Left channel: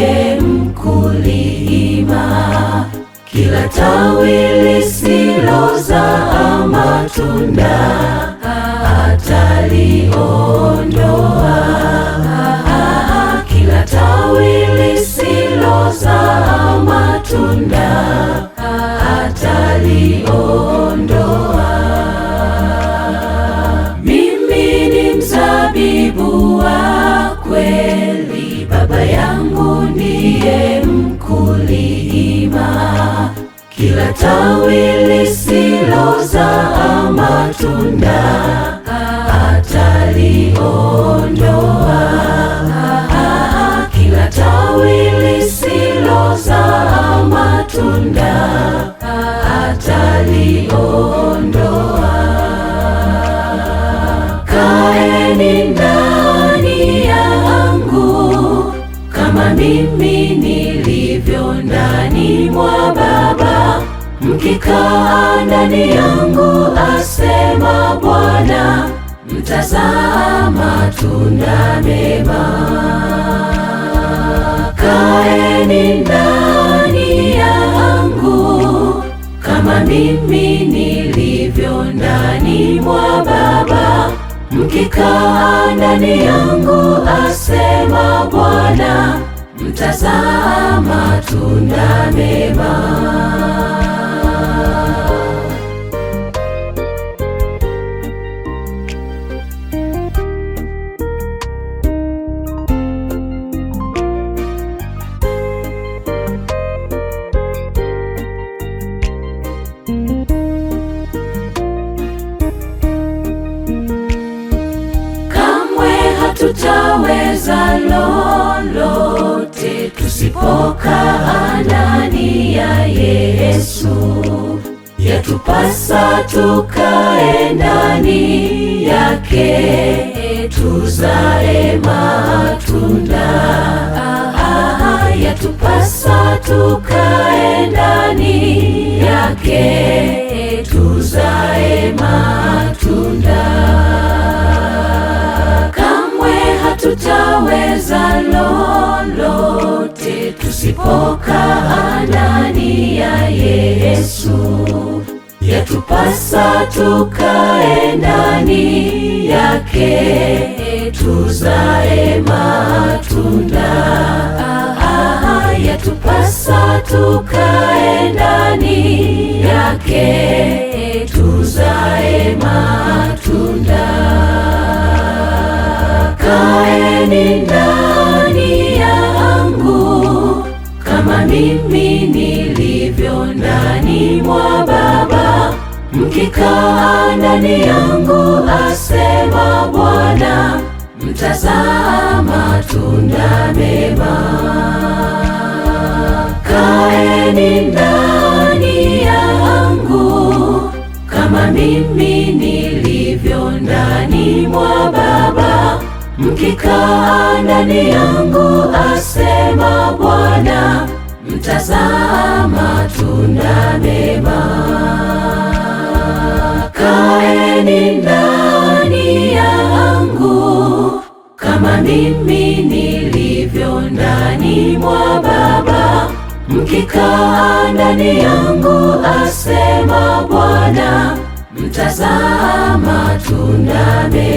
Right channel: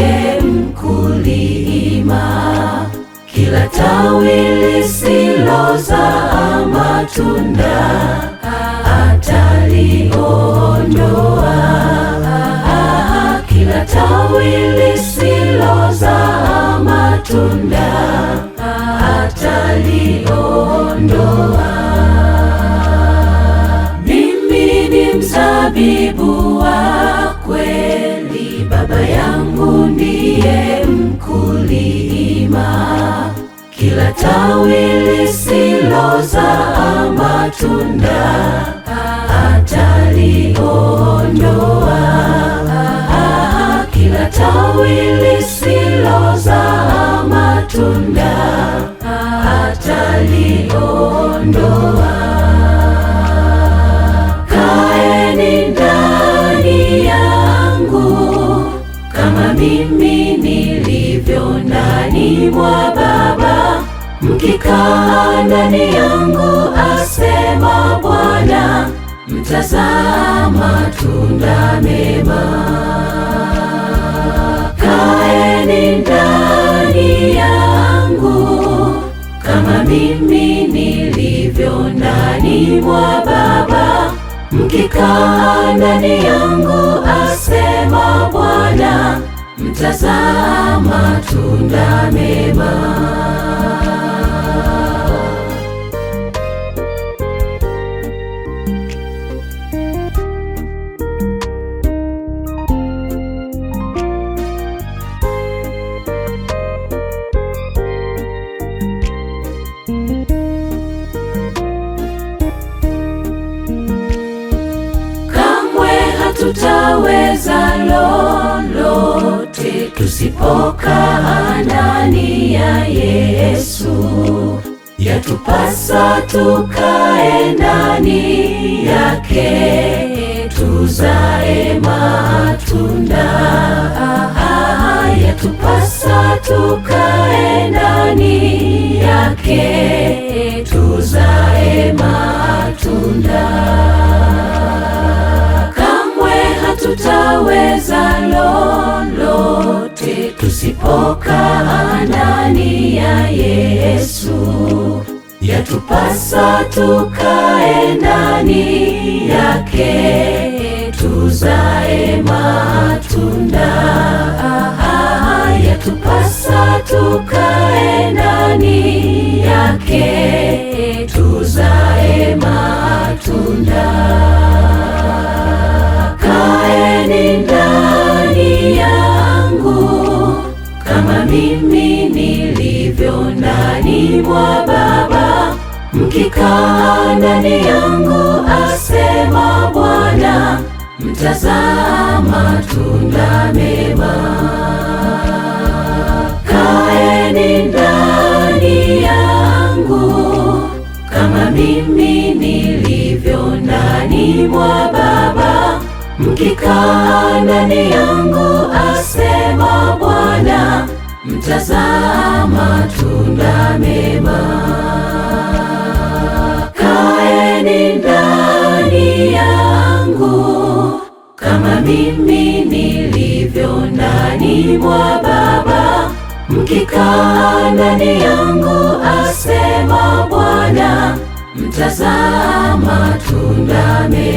ndiye mkulima, kila tawi lisilozaa matunda ataliondoa. Kila tawi lisilozaa matunda ataliondoa. Mimi ni mzabibu wa kweli, Baba yangu ndiye mkulima, kila tawi lisilozaa matunda ataliondoa. Kila tawi lisilozaa matunda ataliondoa. Kaeni ndani yangu kama mimi nilivyo ndani mwa Baba, mkikaa ndani yangu, asema Bwana, mtazaa matunda mema. Kaeni ndani yangu kama mimi nilivyo ndani mwa Baba, mkikaa ndani yangu, asema Bwana, mtazaa matunda mema. Tutaweza lolote tusipokaa ndani ya Yesu. Yatupasa tukae ndani yake, tuzae matunda. Yatupasa tukae ndani yake, tuzae matunda. Tutaweza lolote tusipokaa ndani ya Yesu. Yatupasa tukae ndani yake, tuzae matunda. Yatupasa tukae ndani yake, tuzae matunda. Kaeni ndani yangu kama mimi nilivyo ndani mwa Baba, mkikaa ndani yangu, asema Bwana, mtazaa matunda mema. Kaeni ndani yangu kama mimi nilivyo ndani mwa Baba, mkikaa ndani yangu, asema Bwana, mtazaa matunda mema. Kaeni ndani yangu kama mimi nilivyo ndani mwa Baba, mkikaa ndani yangu, asema Bwana, mtazaa matunda mema. Kaeni ndani yangu kama mimi nilivyo ndani mwa Baba, mkikaa ndani yangu, asema Bwana, mtazaa matunda mema. Kaeni ndani yangu kama mimi nilivyo ndani mwa Baba, mkikaa ndani yangu, asema Bwana, kaeni ndani yangu kama mimi nilivyo ndani mwa Baba, mkikaa ndani yangu, asema Bwana, mtazaa matunda mema.